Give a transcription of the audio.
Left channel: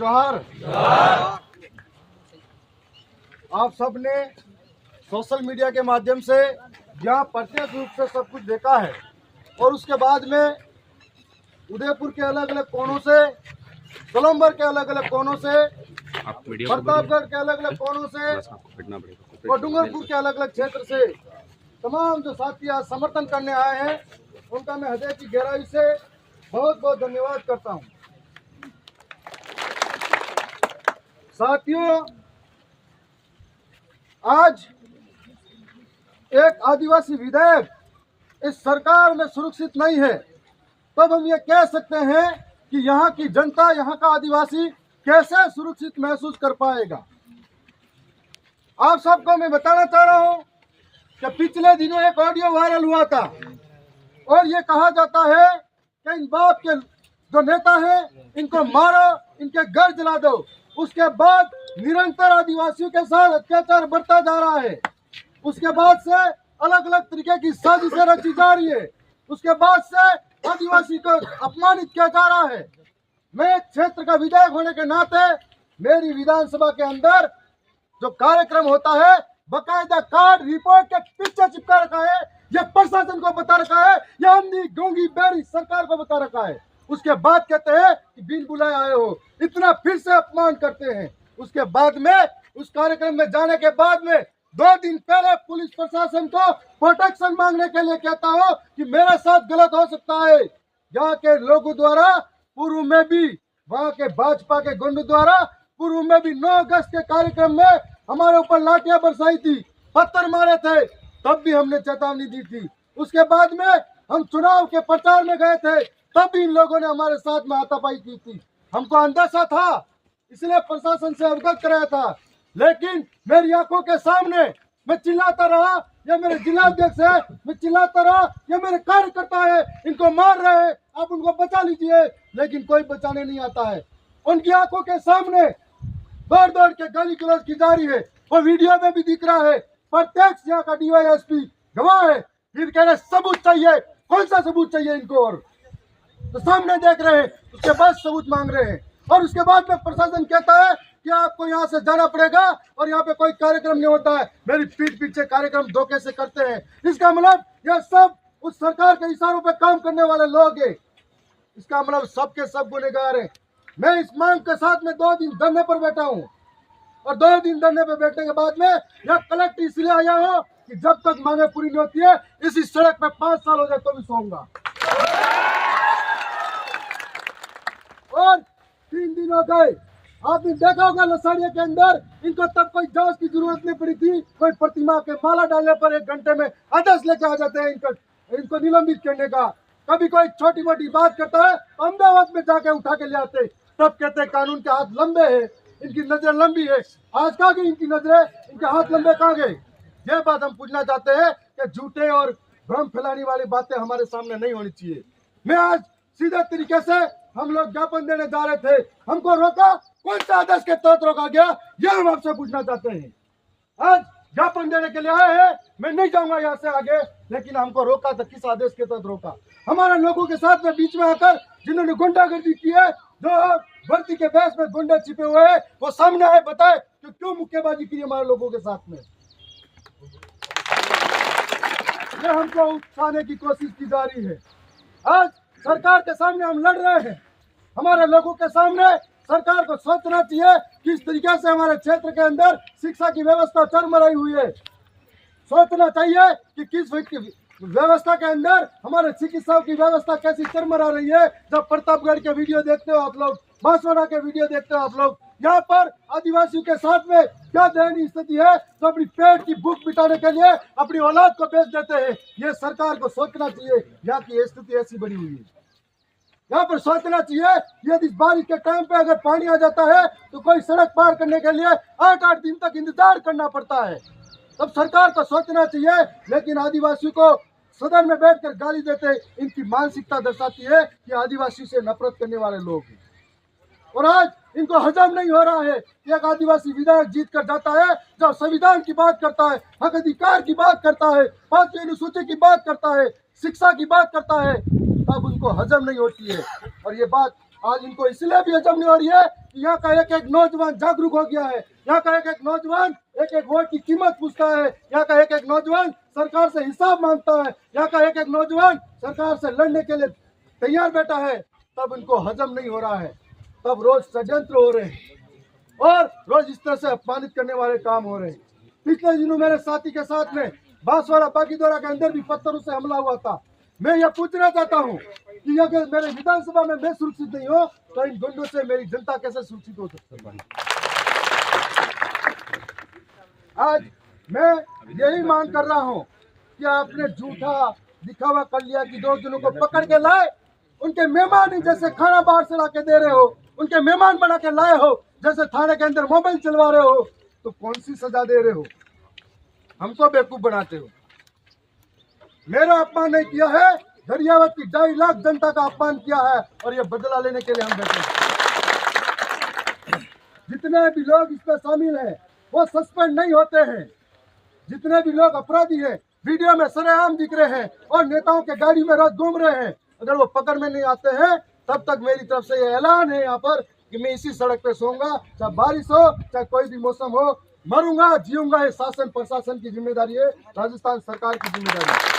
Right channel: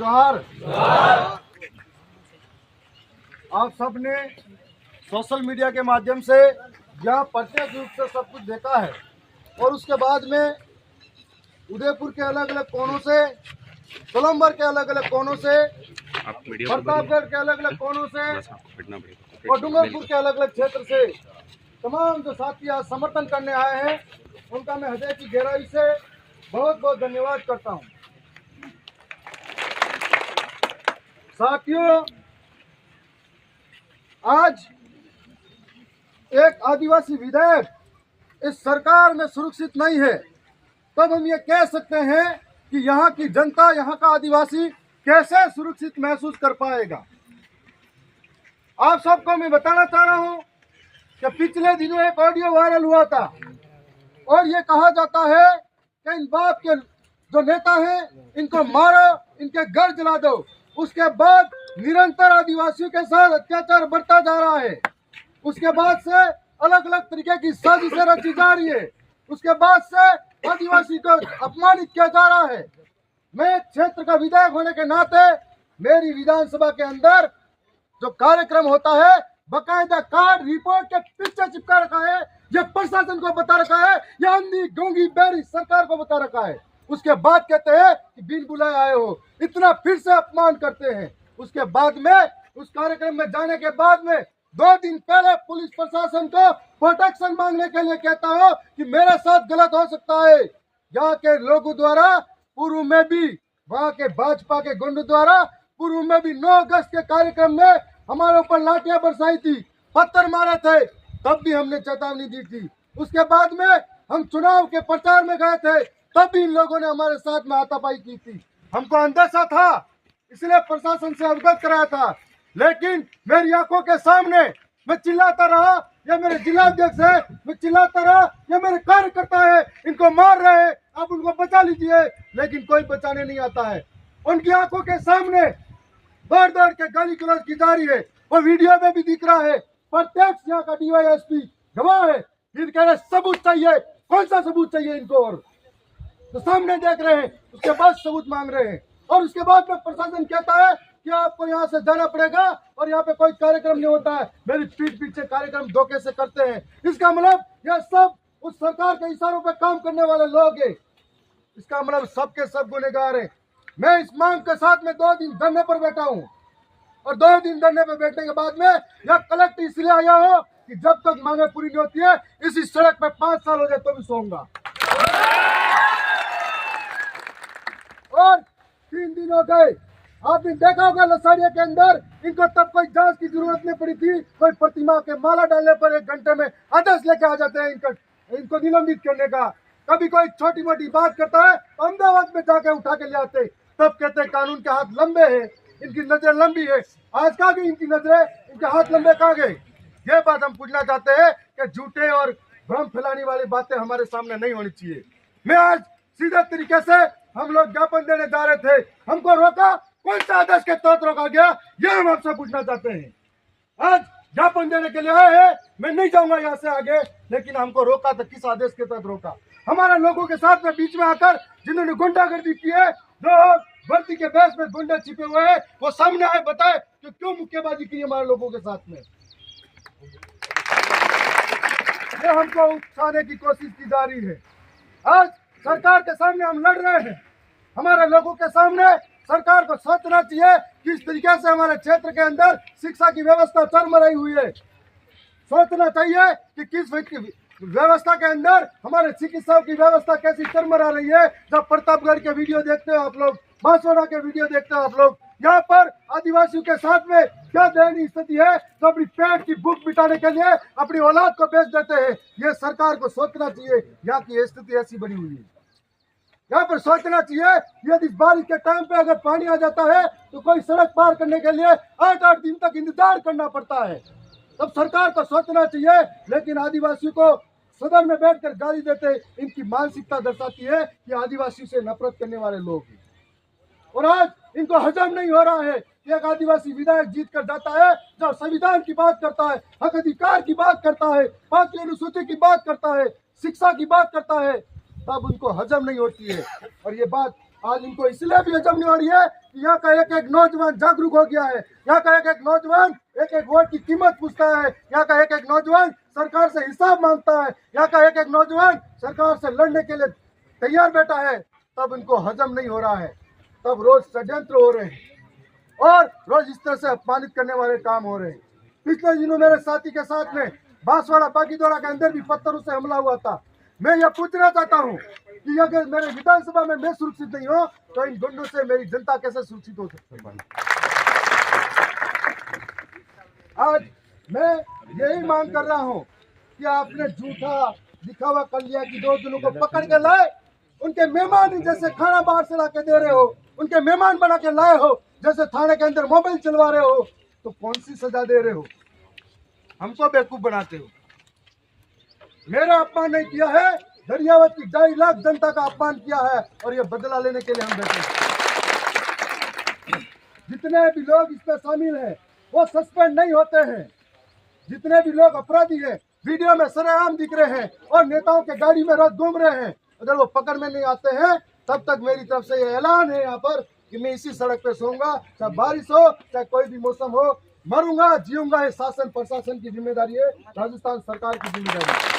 जोहार। आप सबने सोशल मीडिया के माध्यम से यहाँ प्रत्यक्ष रूप से सब कुछ देखा है और उसके बाद में उदयपुर के अलग अलग कोनों से, गोलंबर के अलग अलग कोनों से, प्रतापगढ़ के अलग अलग कोनों से और डूंगरपुर के अलग अलग क्षेत्र से तमाम जो साथी आज समर्थन करने आए हैं उनका मैं हृदय की गहराई से बहुत बहुत धन्यवाद करता हूं। साथियों, आज एक आदिवासी विधेयक इस सरकार में सुरक्षित नहीं है, तब हम ये कह सकते हैं कि यहाँ की जनता, यहाँ का आदिवासी कैसे सुरक्षित महसूस कर पाएगा। आप सबको मैं बताना चाह रहा हूँ कि पिछले दिनों एक ऑडियो वायरल हुआ था और ये कहा जाता है कि इन बाप के जो नेता हैं इनको मारो, इनके घर जला दो। उसके बाद निरंतर आदिवासियों के साथ अत्याचार बढ़ता जा रहा है। उसके बाद से अलग अलग तरीके की साजिशें रची जा रही है। उसके बाद से आदिवासी को अपमानित किया जा रहा है। मैं क्षेत्र का विधायक होने के नाते मेरी विधानसभा के अंदर जो कार्यक्रम होता है बकायदा कार्ड रिपोर्ट के पीछे चिपका रखा है। यह प्रशासन को बता रखा है, यह अंधी गूंगी बहरी सरकार को बता रखा है। उसके बाद कहते हैं कि बिन बुलाए आए हो, इतना फिर से अपमान करते हैं। उसके बाद में उस कार्यक्रम में जाने के बाद में 2 दिन पहले पुलिस प्रशासन को प्रोटेक्शन मांगने के लिए कहता हो कि मेरे साथ गलत हो सकता है। यहाँ के लोगों द्वारा पूर्व में भी, वहाँ के भाजपा के गुंडों द्वारा पूर्व में भी 9 अगस्त के कार्यक्रम में हमारे ऊपर लाठियां बरसाई थी, पत्थर मारे थे, तब भी हमने चेतावनी दी थी। उसके बाद में हम चुनाव के प्रचार में गए थे, तब भी इन लोगों ने हमारे साथ में हाथापाई की थी। हमको अंदेशा था, इसलिए प्रशासन से अवगत कराया था, लेकिन मेरी आंखों के सामने मैं चिल्लाता रहा, ये मेरे जिलाध्यक्ष है, मैं चिल्लाता रहा, ये मेरे कार्यकर्ता है, इनको मार रहे हैं, आप उनको बचा लीजिए, लेकिन कोई बचाने नहीं आता है। उनकी आंखों के सामने दौड़ दौड़ के गाली गलौज की जा रही है, वो वीडियो में भी दिख रहा है। प्रत्यक्ष यहाँ का डीवाईएसपी गवाह है। फिर कह रहे सबूत चाहिए, कौन सा सबूत चाहिए इनको? और तो सामने देख रहे हैं, उसके बाद सबूत मांग रहे हैं। और उसके बाद में प्रशासन कहता है कि आपको यहाँ से जाना पड़ेगा और यहाँ पे कोई कार्यक्रम नहीं होता है। मेरी पीठ पीछे कार्यक्रम धोखे से करते हैं। इसका मतलब यह सब उस सरकार के इशारों पे काम करने वाले लोग हैं। इसका मतलब सबके सब गुनहगार हैं। मैं इस मांग के साथ में 2 दिन धरने पर बैठा हूँ और 2 दिन धरने पर बैठने के बाद में यह कलेक्टर इसलिए आया हो कि जब तक मांगे पूरी नहीं होती है इसी सड़क पे 5 साल हो जाए तो भी सोऊंगा। और 3 दिन हो गए, आपने देखा होगा लसाड़िया के अंदर इनको तब कोई जांच की जरूरत नहीं पड़ी थी। कोई प्रतिमा के माला डालने पर 1 घंटे में आदेश लेके आ जाते हैं इनको निलंबित करने का। कभी कोई छोटी मोटी बात करता है अहमदाबाद में जाके उठा के ले आते, तब कहते हैं कानून के हाथ लंबे हैं, इनकी नजर लंबी है। आज कहाँ गई इनकी नजरें, इनके हाथ लंबे कहाँ गए? ये बात हम पूछना चाहते हैं कि झूठे और भ्रम फैलाने वाली बातें हमारे सामने नहीं होनी चाहिए। मैं आज सीधे तरीके से, हम लोग ज्ञापन देने जा रहे थे, हमको रोका, कौन सा आदेश के तहत रोका गया, यह हम आपसे पूछना चाहते हैं। आज ज्ञापन देने के लिए आए हैं, मैं नहीं जाऊंगा यहाँ से आगे, लेकिन हमको रोका तो किस आदेश के तहत रोका? हमारे लोगों के साथ में बीच में आकर जिन्होंने गुंडागर्दी की है, जो भर्ती के बेस में गुंडे छिपे हुए हैं, वो सामने आए, बताए कि क्यों मुक्केबाजी की हमारे लोगों के साथ में। ये हमको उकसाने की कोशिश की जा रही है। आज सरकार के सामने हम लड़ रहे हैं। हमारे लोगों के सामने सरकार को सोचना चाहिए किस तरीके से हमारे क्षेत्र के अंदर शिक्षा की व्यवस्था चरमराई हुई है। सोचना चाहिए कि किस व्यवस्था के अंदर हमारे चिकित्साओं की व्यवस्था कैसी चरमरा रही है। जब प्रतापगढ़ के वीडियो देखते हो आप लोग, बांसवाड़ा के वीडियो देखते हो आप लोग, यहाँ पर आदिवासियों के साथ में क्या दयनीय स्थिति है, तो अपनी पेट की भूख मिटाने के लिए अपनी औलाद को बेच देते हैं। ये सरकार को सोचना चाहिए, यहाँ की स्थिति ऐसी बनी हुई है। यहाँ पर सोचना चाहिए, यदि बारिश के टाइम पे अगर पानी आ जाता है तो कोई सड़क पार करने के लिए 8-8 दिन तक इंतजार करना पड़ता है। तब सरकार को सोचना चाहिए, लेकिन आदिवासियों को सदन में बैठकर गाली देते, इनकी मानसिकता दर्शाती है कि आदिवासी से नफरत करने वाले लोग हैं। और आज इनको हजम नहीं हो रहा है कि एक आदिवासी विधायक जीत कर जाता है, जब संविधान की बात करता है, हक अधिकार की बात करता है, 5वीं अनुसूची की बात करता है, शिक्षा की बात करता है, तब उनको हजम नहीं होती है। और ये बात आज इनको इसलिए भी हजम नहीं हो रही है कि यहाँ का एक एक नौजवान जागरूक हो गया है। यहाँ का एक एक नौजवान एक एक वोट की कीमत पूछता है। यहाँ का एक एक नौजवान सरकार से हिसाब मांगता है। यहाँ का एक एक नौजवान सरकार से लड़ने के लिए तैयार बैठा है। तब इनको हजम नहीं हो रहा है, तब रोज षड्यंत्र हो रहे हैं और रोज इस तरह से अपमानित करने वाले काम हो रहे हैं। पिछले दिनों मेरे साथी के साथ में बांसवाड़ा बागीदोरा के अंदर भी पत्थरों से हमला हुआ था। मैं यह पूछना चाहता हूं कि अगर मेरे विधानसभा में मैं सुरक्षित नहीं हो तो इन गुंडों से मेरी जनता कैसे सुरक्षित हो सकती है। आज मैं यही मांग कर रहा हूं कि आपने झूठा दिखावा कर लिया कि 2 जनों को पकड़ के लाए, उनके मेहमान ही जैसे खाना बाहर से ला के दे रहे हो, उनके मेहमान बना के लाए हो, जैसे थाने के अंदर मोबाइल चलवा रहे हो, तो कौन सी सजा दे रहे हो? हमको बेवकूफ बनाते हो। मेरा अपमान नहीं किया है, दरियावत की 2.5 लाख जनता का अपमान किया है और ये बदला लेने के लिए हम बैठे हैं। जितने भी लोग इसमें शामिल हैं वो सस्पेंड नहीं होते हैं। जितने भी लोग अपराधी हैं वीडियो में सरेआम दिख रहे हैं और नेताओं के गाड़ी में रात घूम रहे हैं, अगर वो पकड़ में नहीं आते हैं तब तक मेरी तरफ से ये ऐलान है यहाँ पर कि मैं इसी सड़क पे सोऊंगा, चाहे बारिश हो चाहे कोई भी मौसम हो, मरूंगा जीऊंगा। ये शासन प्रशासन की जिम्मेदारी है, राजस्थान सरकार की जिम्मेदारी है।